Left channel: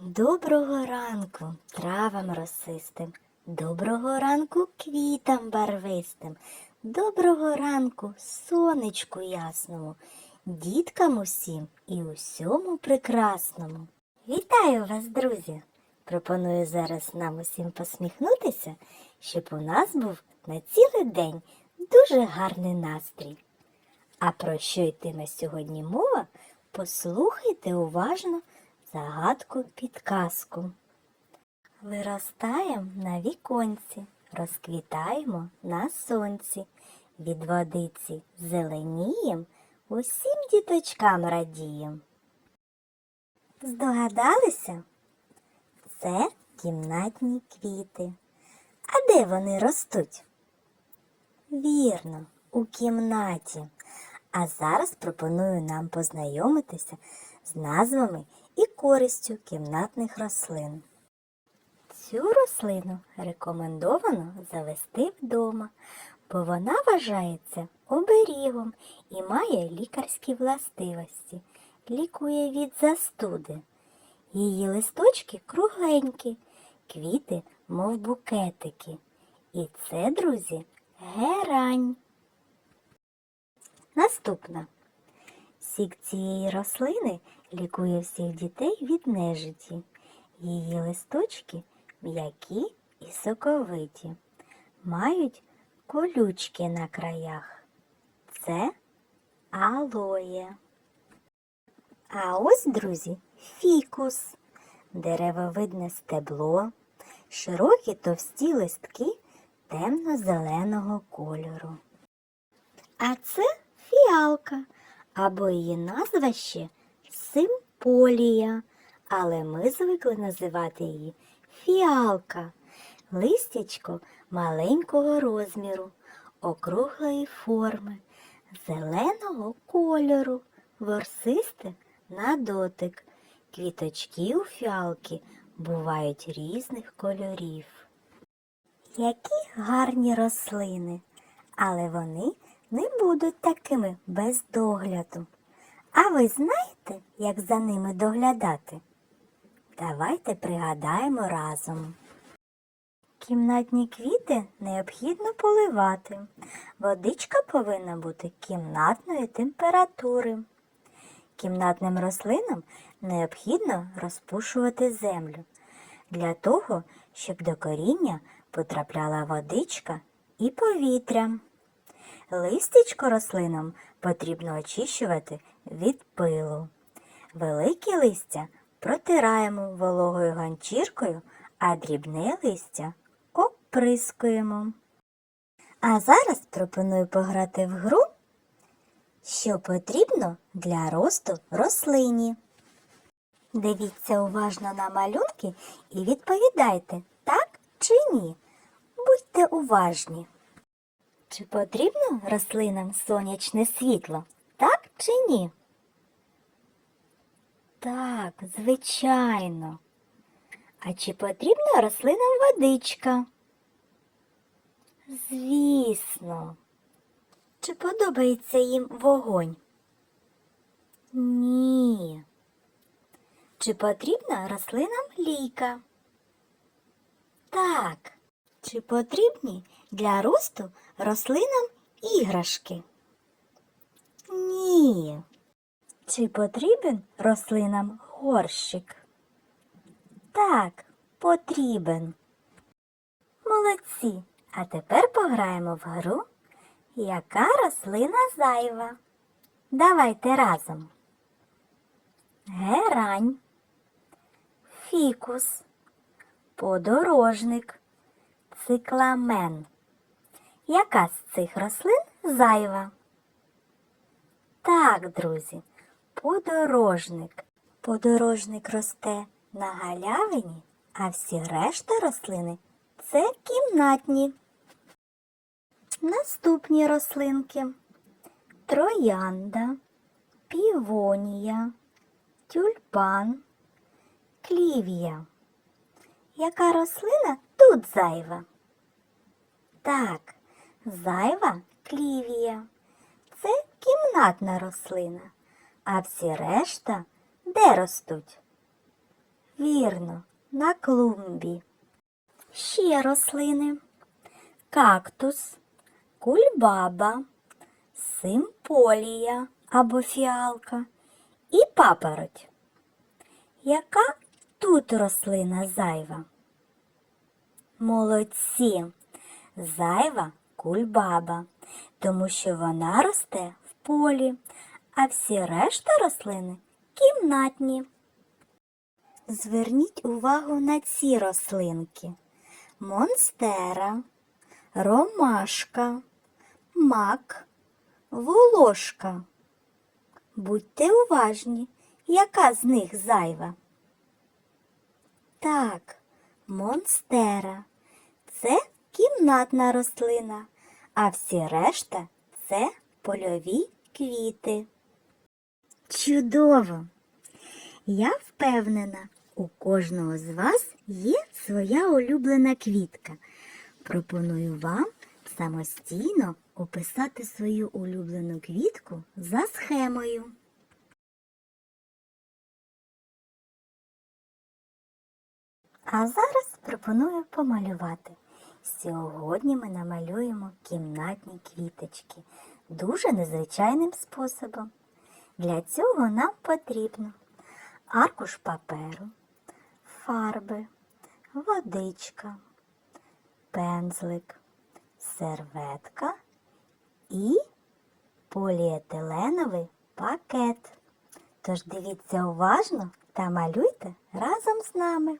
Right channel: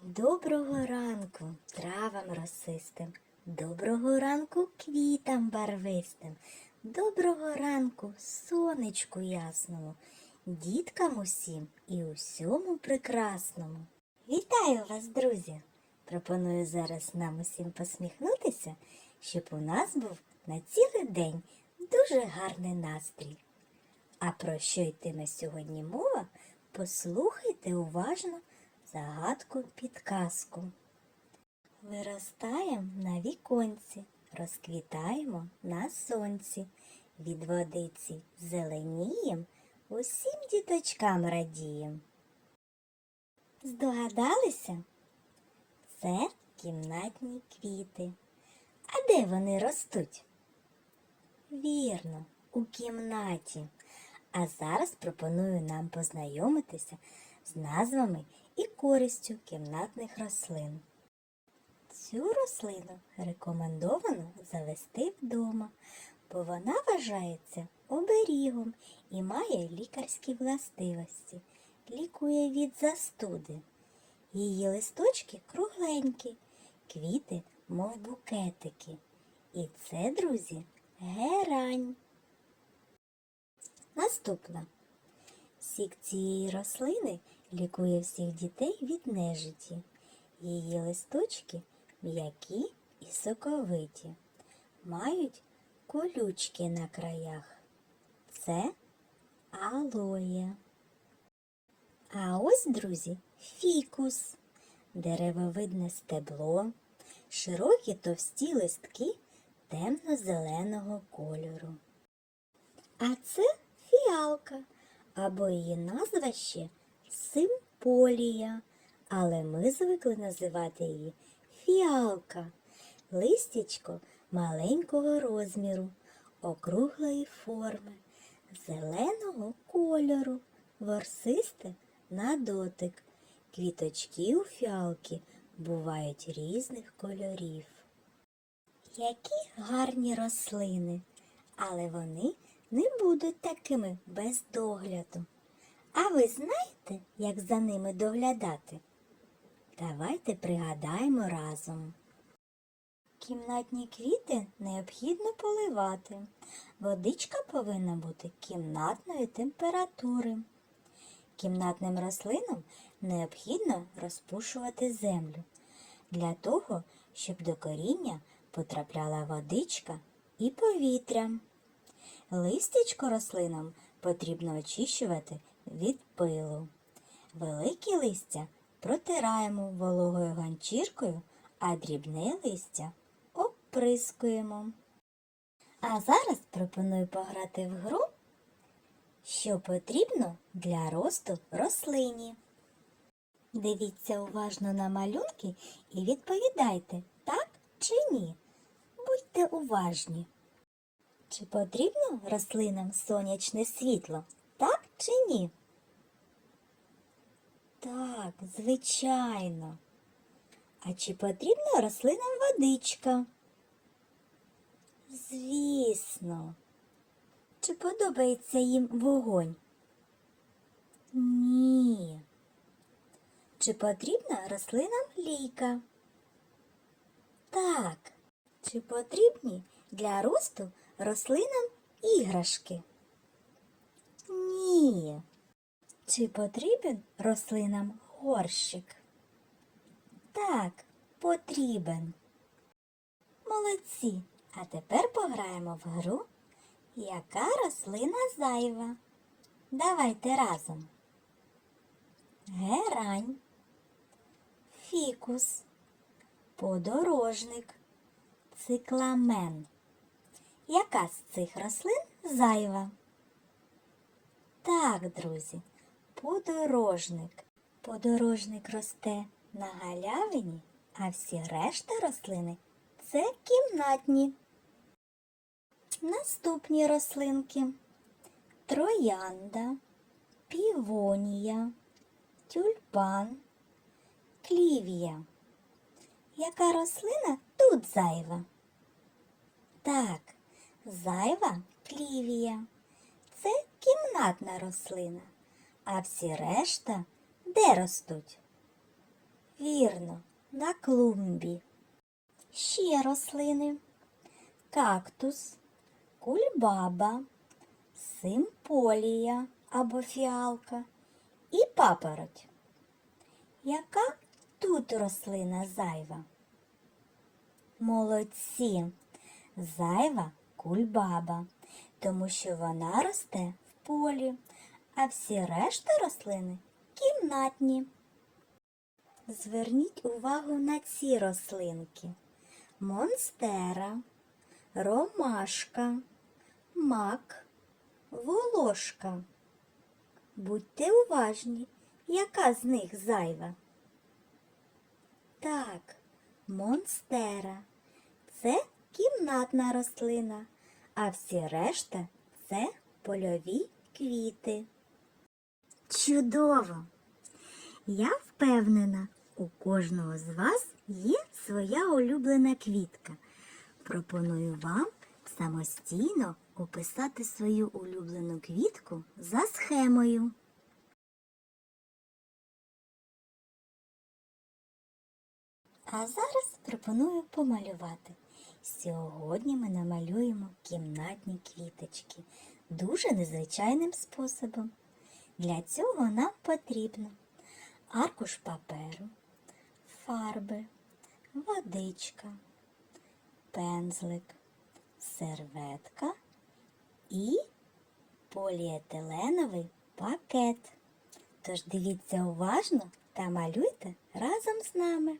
Доброго ранку травам росистим, доброго ранку квітам барвистим, доброго ранку сонечку ясному, діткам усім і усьому прекрасному. Вітаю вас, друзі! Пропоную зараз нам усім посміхнутися, щоб у нас був на цілий день дуже гарний настрій. А про що йтиме сьогодні мова, послухайте уважно загадку підказку. Виростаєм на віконці, розквітаємо на сонці, від водиці зеленієм, усім діточкам радієм. Здогадалися? Це кімнатні квіти. А де вони ростуть? Вірно, у кімнаті. А зараз пропоную нам познайомитися з назвами і користю кімнатних рослин. Цю рослину рекомендовано завести вдома, бо вона вважається оберігом і має лікарські властивості, лікує від застуди. Її листочки кругленькі, квіти, мов букетики. І це, друзі, герань. Наступна. Сік цієї рослини лікує всіх дітей від нежиті. Її листочки м'які і соковиті, мають колючки на краях. Це алоє. А ось, друзі, фікус, деревовидне стебло, широкі товсті листки темно-зеленого кольору. А це фіалка, або її назва ще симполія, але ми звикли називати її фіалка. Листячко маленького розміру, округлої форми, зеленого кольору, ворсисте на дотик. Квіточки у фіалки бувають різних кольорів. Які гарні рослини, але вони не будуть такими без догляду. А ви знаєте, як за ними доглядати? Давайте пригадаємо разом. Кімнатні квіти необхідно поливати. Водичка повинна бути кімнатної температури. Кімнатним рослинам необхідно розпушувати землю для того, щоб до коріння потрапляла водичка і повітря. Листячко рослинам потрібно очищувати від пилу. Великі листя протираємо вологою ганчіркою, а дрібне листя оприскуємо. А зараз пропоную пограти в гру, що потрібно для росту рослині. Дивіться уважно на малюнки і відповідайте, так чи ні. Будьте уважні. Чи потрібно рослинам сонячне світло? Так чи ні? Так, звичайно. А чи потрібна рослинам водичка? Звісно. Чи подобається їм вогонь? Ні. Чи потрібна рослинам ліка? Так. Чи потрібні для росту рослинам іграшки? Ні. Чи потрібен рослинам горщик? Так, потрібен. Молодці. А тепер пограємо в гру, яка рослина зайва. Давайте разом. Герань, фікус, подорожник, цикламен. Яка з цих рослин зайва? Так, друзі, подорожник. Подорожник росте на галявині, а всі решта рослини це кімнатні. Наступні рослинки троянда, півонія, тюльпан, клівія. Яка рослина тут зайва? Так, зайва клівія. Це кімнатна рослина, а всі решта де ростуть? Вірно, на клумбі. Ще рослини. Кактус, кульбаба, симполія або фіалка і папороть. Яка тут рослина зайва? Молодці! Зайва кульбаба, тому що вона росте в полі, а всі решта рослини кімнатні. Зверніть увагу на ці рослинки. Монстера, ромашка, мак, волошка. Будьте уважні, яка з них зайва? Так, монстера. Це кімнатна рослина, а всі решта це польові квіти. Чудово! Я впевнена, у кожного з вас є своя улюблена квітка. Пропоную вам самостійно описати свою улюблену квітку за схемою. А зараз пропоную помалювати. Сьогодні ми намалюємо кімнатні квіточки дуже незвичайним способом. Для цього нам потрібно аркуш паперу, фарби, водичка, пензлик, серветка і поліетиленовий пакет. Тож дивіться уважно та малюйте разом з нами.